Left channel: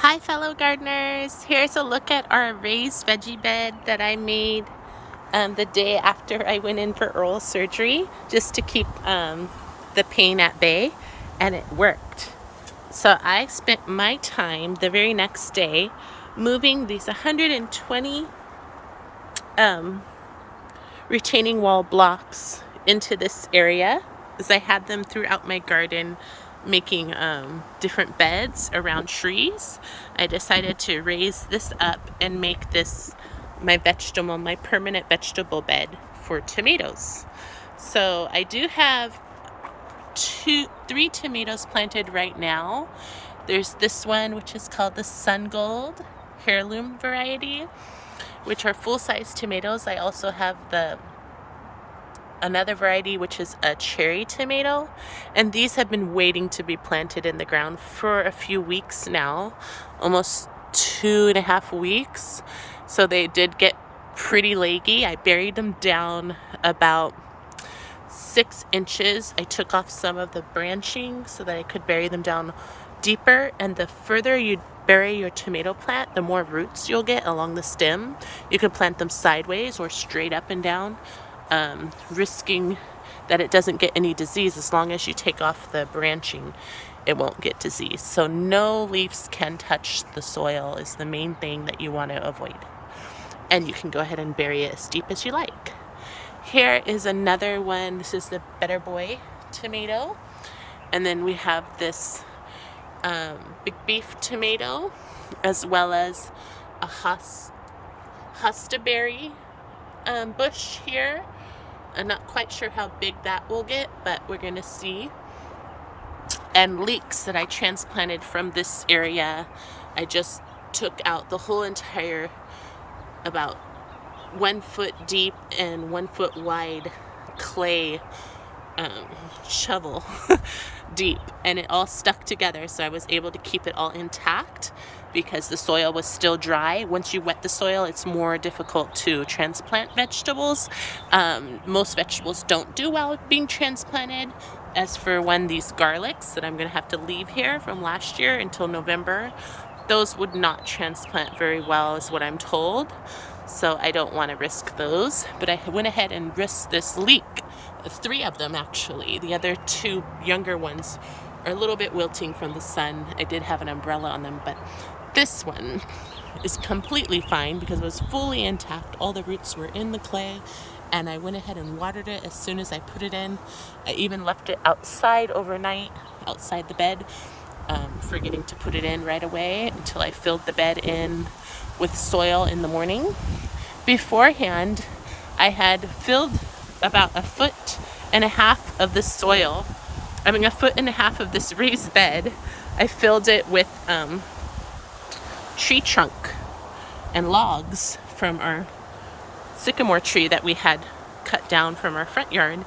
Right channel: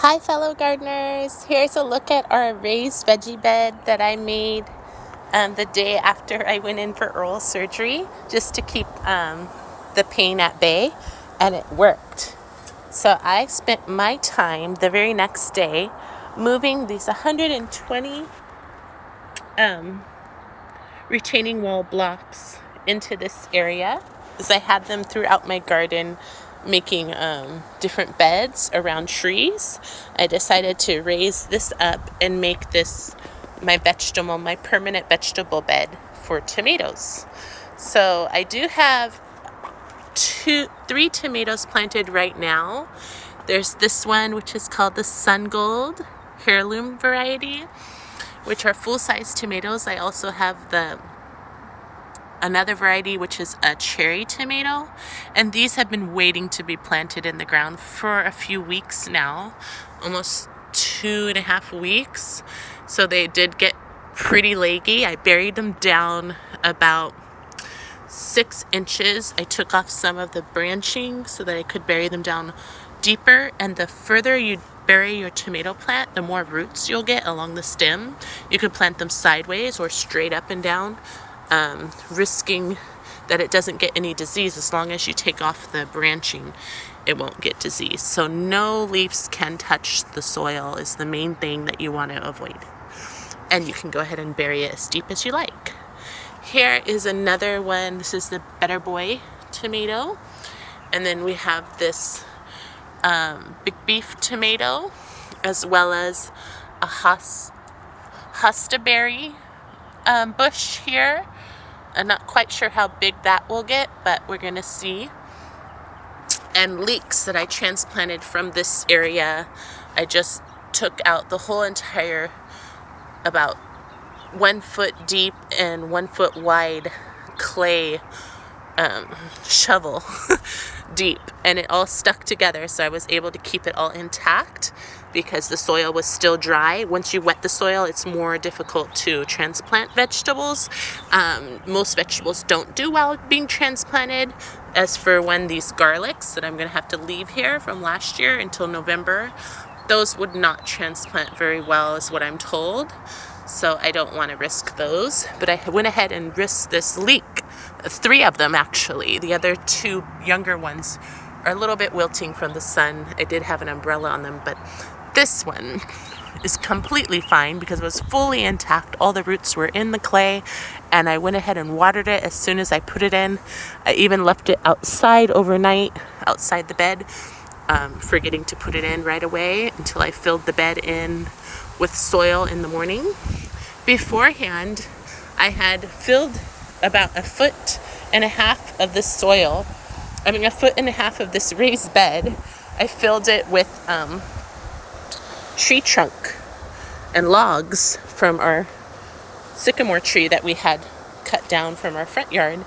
Hi fellow gardeners, here's a look at our raised veggie bed that I made the day after I went in for oral surgery just to keep the pain at bay, and it worked. So I spent my time the very next day moving these 120 retaining wall blocks into this area, as I had them throughout my garden making different beds around trees. I decided to raise this up and make this my permanent vegetable bed for tomatoes. So I do have three tomatoes planted right now. There's this one, which is called the Sun Gold heirloom variety, which are full-size tomatoes. I also have another variety, which is a cherry tomato, and these have been waiting to be planted in the ground for a few weeks now, almost 2.5 weeks. So they did get pretty leggy. I buried them down about 6 inches. I took off some of the branching so that I could bury them down deeper, and the further you bury your tomato plant, the more roots you'll get along the stem. You can plant them sideways or straight up and down, risking that it doesn't get any disease. As long as you take off the branching, it won't get disease. So no leaves can touch the soil is the main thing that you want to avoid. And you can go ahead and bury it as deep as you like. Here is another one. This is the Better Boy tomato. And then we have this big beef tomato, as well as a hostaberry bush here. I'm not quite sure how big that will get, but we're gonna see. And leeks that I transplanted from this area. I just took out the whole entire, about 1 foot deep and 1 foot wide clay shovel deep, and it all stuck together, so I was able to keep it all intact because the soil was still dry. Once you wet the soil, it's more difficult to transplant vegetables. Most vegetables don't do well being transplanted. As for these garlics that I'm gonna have to leave here from last year until November, those would not transplant very well is what I'm told. So I don't want to risk those, but I went ahead and risked this leek. 3 of them actually. The other 2 younger ones are a little bit wilting from the sun. I did have an umbrella on them, but this one is completely fine because it was fully intact. All the roots were in the clay, and I went ahead and watered it as soon as I put it in. I even left it outside overnight, outside the bed, forgetting to put it in right away until I filled the bed in with soil in the morning. Beforehand, I had filled about 1.5 feet of this soil. I mean, 1.5 feet of this raised bed. I filled it with tree trunk and logs from our sycamore tree that we had cut down from our front yard.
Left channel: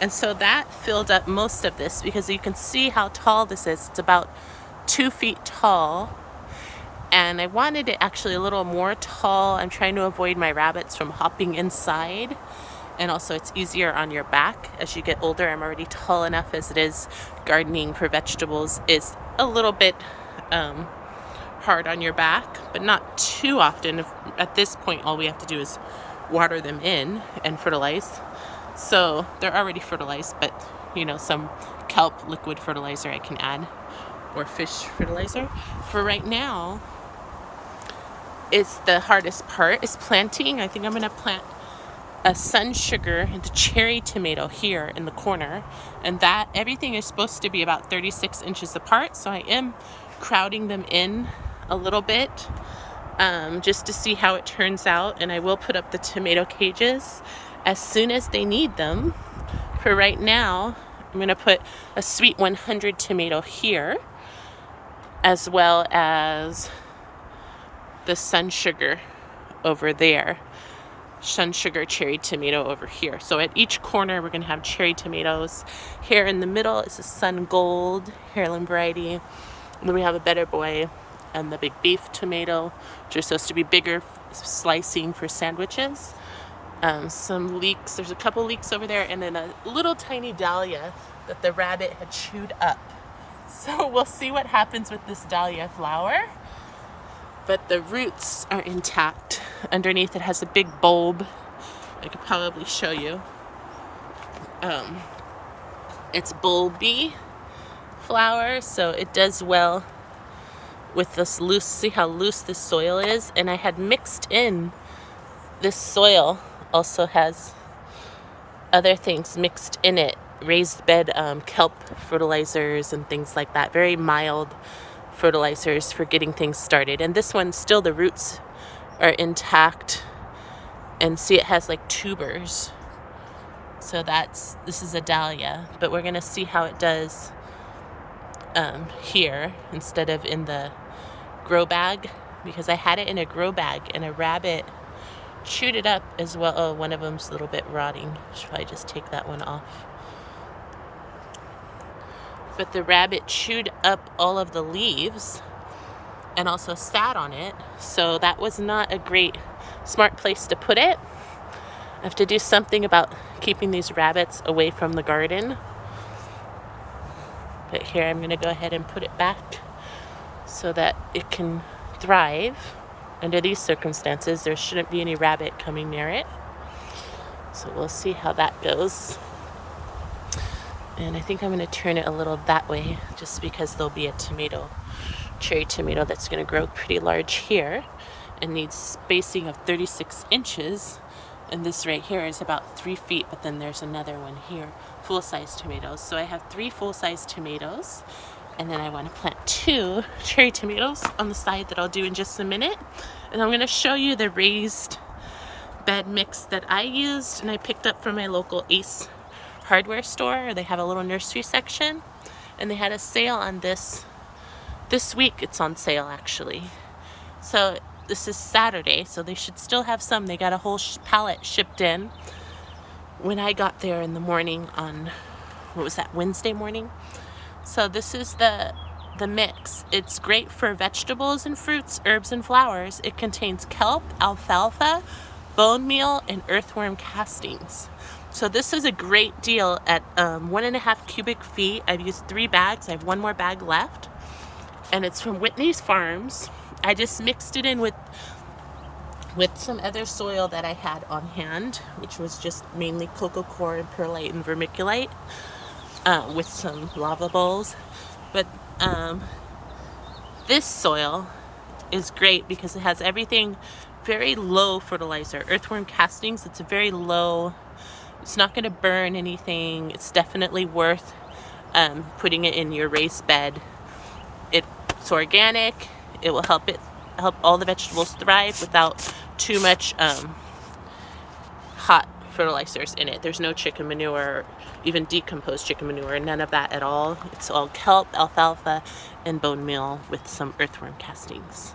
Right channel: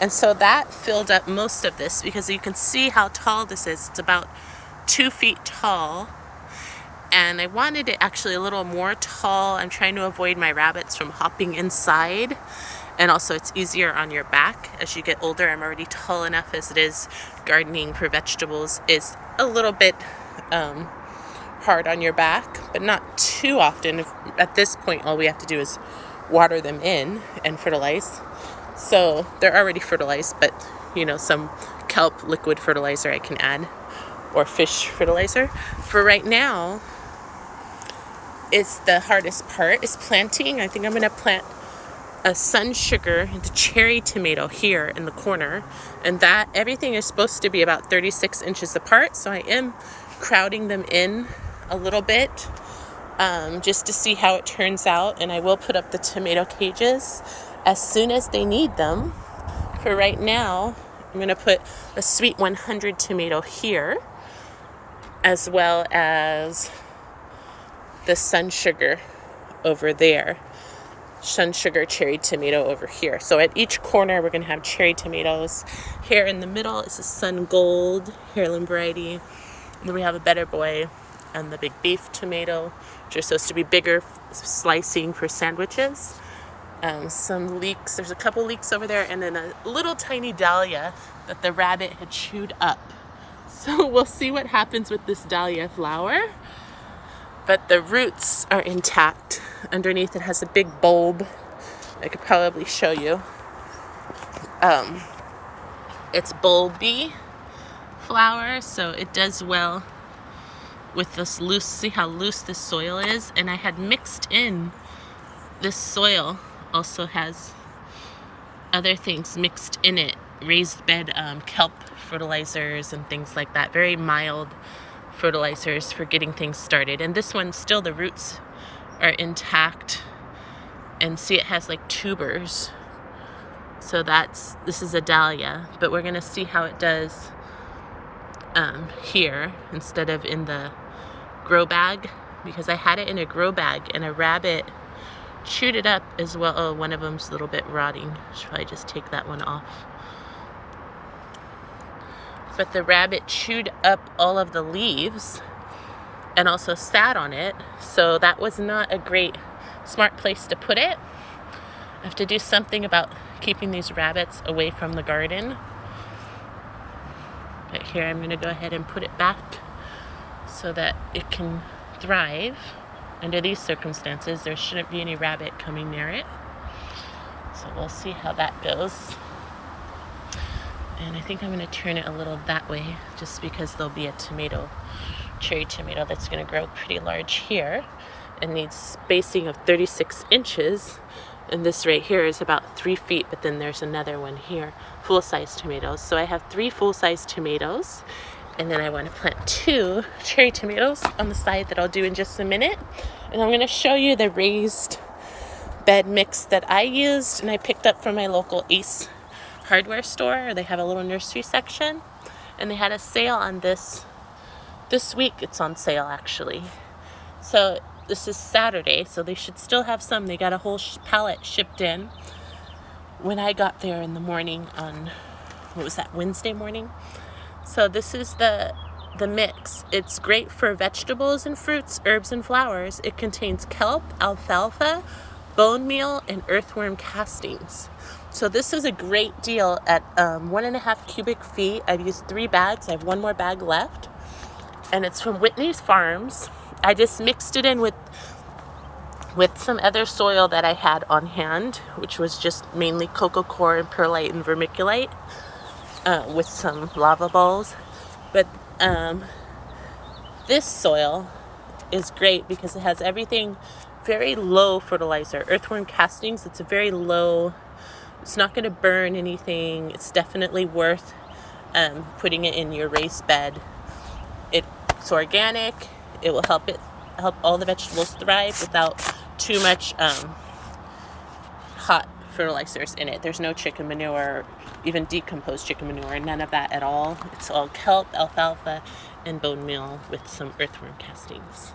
And so that filled up most of this, because you can see how tall this is. It's about 2 feet tall. And I wanted it actually a little more tall. I'm trying to avoid my rabbits from hopping inside. And also it's easier on your back as you get older. I'm already tall enough as it is. Gardening for vegetables is a little bit hard on your back, but not too often. At this point, all we have to do is water them in and fertilize. So they're already fertilized, but some kelp liquid fertilizer I can add, or fish fertilizer. For right now, is the hardest part is planting. I think I'm gonna plant a sun sugar, the cherry tomato here in the corner, and that everything is supposed to be about 36 inches apart. So I am crowding them in a little bit, just to see how it turns out. And I will put up the tomato cages as soon as they need them. For right now, I'm gonna put a Sweet 100 tomato here, as well as the sun sugar over there, sun sugar cherry tomato over here. So at each corner we're gonna have cherry tomatoes. Here in the middle is the Sun Gold heirloom variety. And then we have a Better Boy and the big beef tomato, which are supposed to be bigger slicing for sandwiches. Some leeks, there's a couple leeks over there, and then a little tiny dahlia that the rabbit had chewed up. So we'll see what happens with this dahlia flower. but the roots are intact. Underneath it has a big bulb. I could probably show you. It's bulby flower, so it does well with this loose, see how loose this soil is? And I had mixed in, this soil also has other things mixed in it, raised bed kelp fertilizers and things like that, very mild fertilizers for getting things started. And this one, still the roots are intact, and see it has like tubers. So this is a dahlia, but we're gonna see how it does here instead of in the grow bag, because I had it in a grow bag and a rabbit chewed it up as well. Oh, one of them's a little bit rotting. Should probably just take that one off. But the rabbit chewed up all of the leaves and also sat on it, so that was not a great, smart place to put it. I have to do something about keeping these rabbits away from the garden. But here I'm going to go ahead and put it back so that it can thrive. Under these circumstances, there shouldn't be any rabbit coming near it. So we'll see how that goes. And I think I'm going to turn it a little that way, just because there'll be a tomato, cherry tomato, that's going to grow pretty large here and needs spacing of 36 inches. And this right here is about 3 feet, but then there's another one here, full-size tomatoes. So I have 3 full-size tomatoes, and then I want to plant 2 cherry tomatoes on the side that I'll do in just a minute. And I'm going to show you the raised bed mix that I used and I picked up from my local Ace hardware store. They have a little nursery section, and they had a sale on this week. It's on sale actually. So this is Saturday, so they should still have some. They got a whole pallet shipped in when I got there in the morning on, what was that, Wednesday morning? So this is the mix. It's great for vegetables and fruits, herbs and flowers. It contains kelp, alfalfa, bone meal, and earthworm castings. So this is a great deal at 1.5 cubic feet. I've used 3 bags. I have 1 more bag left. And it's from Whitney's Farms. I just mixed it in with some other soil that I had on hand, which was just mainly coco coir and perlite and vermiculite, with some lava balls. But this soil is great because it has everything, very low fertilizer. Earthworm castings, it's a very low, it's not going to burn anything. It's definitely worth putting it in your raised bed. It's organic. It will help all the vegetables thrive without too much hot fertilizers in it. There's no chicken manure, even decomposed chicken manure, none of that at all. It's all kelp, alfalfa, and bone meal with some earthworm castings.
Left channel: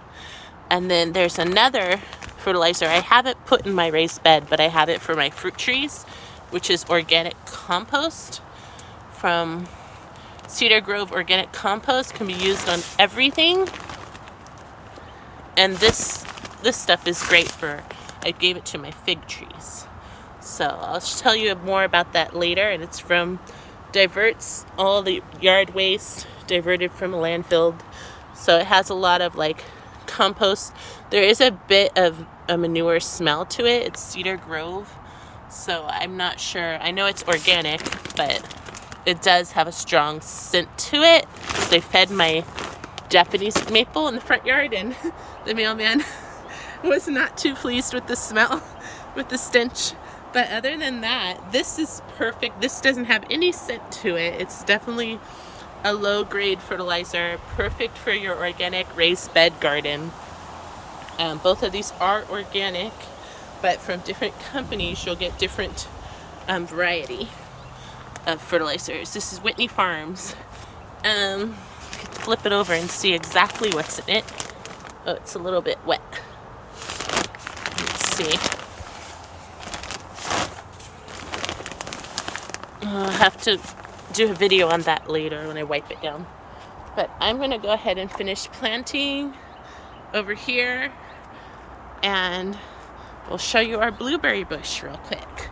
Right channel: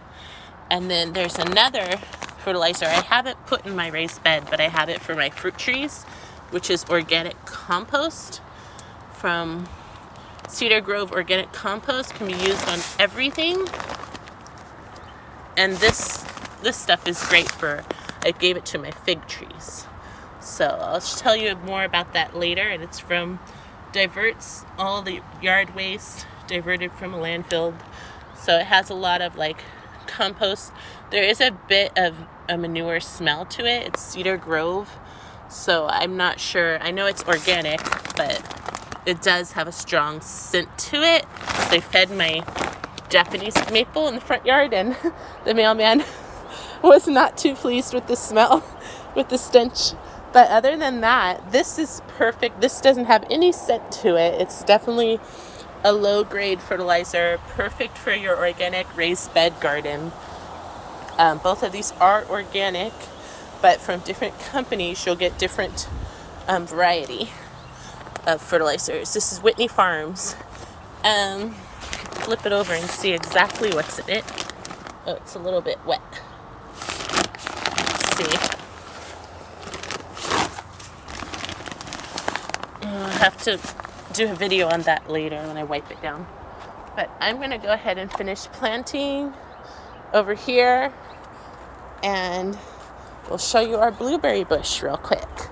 And then there's another fertilizer I haven't put in my raised bed, but I have it for my fruit trees, which is organic compost from Cedar Grove. Organic compost can be used on everything. And this stuff is great for, I gave it to my fig trees. So I'll tell you more about that later. And it's from, diverts all the yard waste diverted from a landfill. So it has a lot of like compost. There is a bit of a manure smell to it. It's Cedar Grove. So I'm not sure. I know it's organic, but it does have a strong scent to it. They fed my Japanese maple in the front yard, and the mailman was not too pleased with the smell, with the stench. But other than that, this is perfect. This doesn't have any scent to it. It's definitely a low-grade fertilizer, perfect for your organic raised bed garden. Both of these are organic, but from different companies, you'll get different variety of fertilizers. This is Whitney Farms. Flip it over and see exactly what's in it. Oh, it's a little bit wet. Let's see. I'll have to do a video on that later when I wipe it down. But I'm going to go ahead and finish planting over here, and we'll show you our blueberry bush real quick.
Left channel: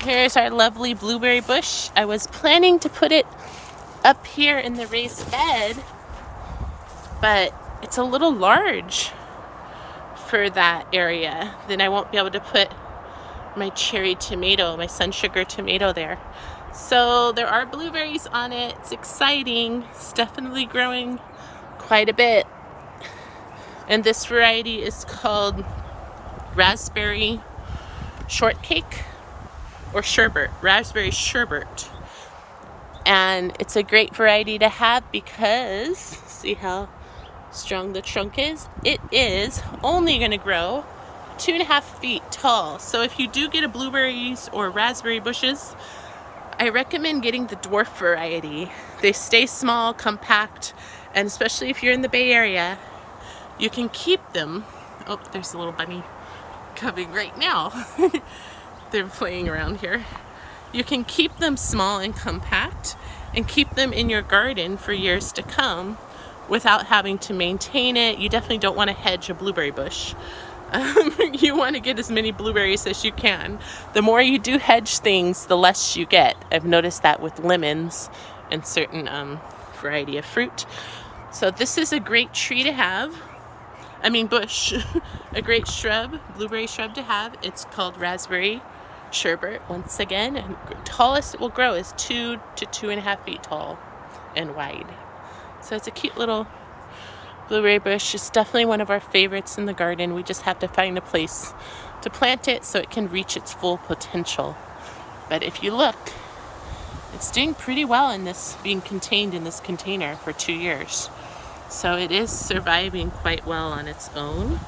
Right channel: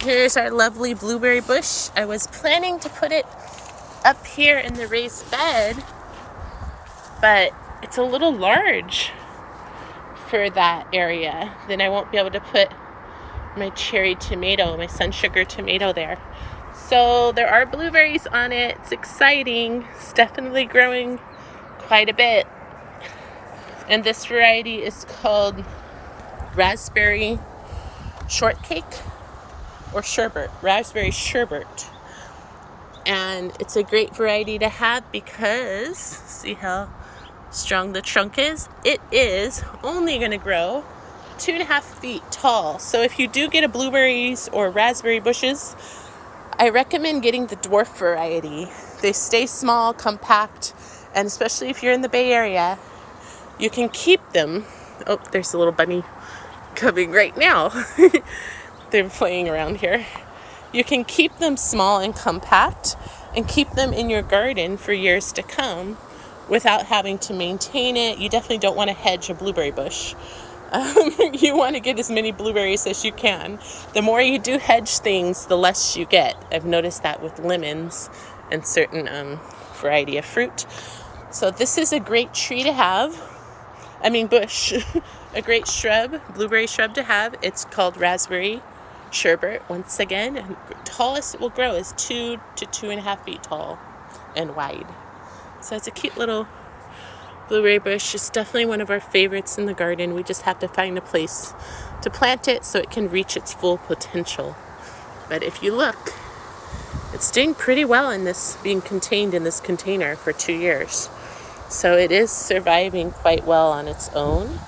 Here's our lovely blueberry bush. I was planning to put it up here in the raised bed, but it's a little large for that area. Then I won't be able to put my cherry tomato, my sun sugar tomato there. So there are blueberries on it. It's exciting. It's definitely growing quite a bit. And this variety is called raspberry shortcake or sherbet, raspberry sherbet. And it's a great variety to have because, see how strong the trunk is? It is only going to grow 2.5 feet tall. So if you do get a blueberries or raspberry bushes, I recommend getting the dwarf variety. They stay small, compact, and especially if you're in the Bay Area, you can keep them. Oh, there's a little bunny coming right now. They're playing around here. You can keep them small and compact and keep them in your garden for years to come without having to maintain it. You definitely don't want to hedge a blueberry bush. You want to get as many blueberries as you can. The more you do hedge things, the less you get. I've noticed that with lemons and certain variety of fruit. So this is a great tree to have. Bush. A great shrub, blueberry shrub to have. It's called raspberry sherbet. Once again, tallest it will grow is 2 to 2.5 feet tall and wide. So it's a cute little blueberry bush. It's definitely one of our favorites in the garden. We just have to find a place to plant it so it can reach its full potential. But if you look, it's doing pretty well in this, being contained in this container for 2 years. So it is surviving quite well on its own.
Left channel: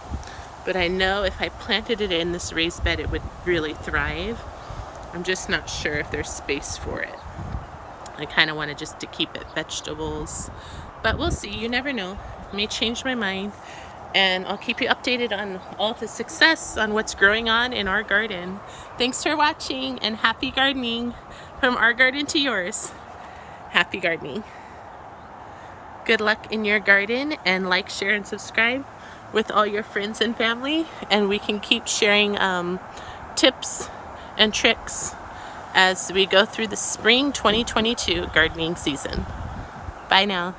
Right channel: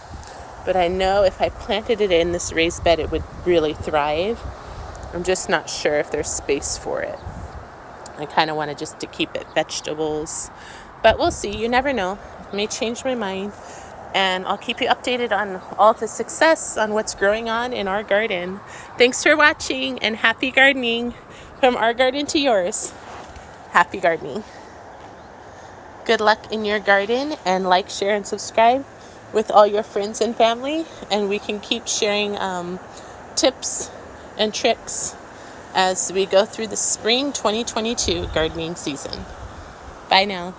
But I know if I planted it in this raised bed, it would really thrive. I'm just not sure if there's space for it. I kind of want to keep it vegetables. But we'll see. You never know. I may change my mind. And I'll keep you updated on all the success on what's growing on in our garden. Thanks for watching and happy gardening. From our garden to yours. Happy gardening. Good luck in your garden, and like, share, and subscribe with all your friends and family, and we can keep sharing tips and tricks as we go through the spring 2022 gardening season. Bye now.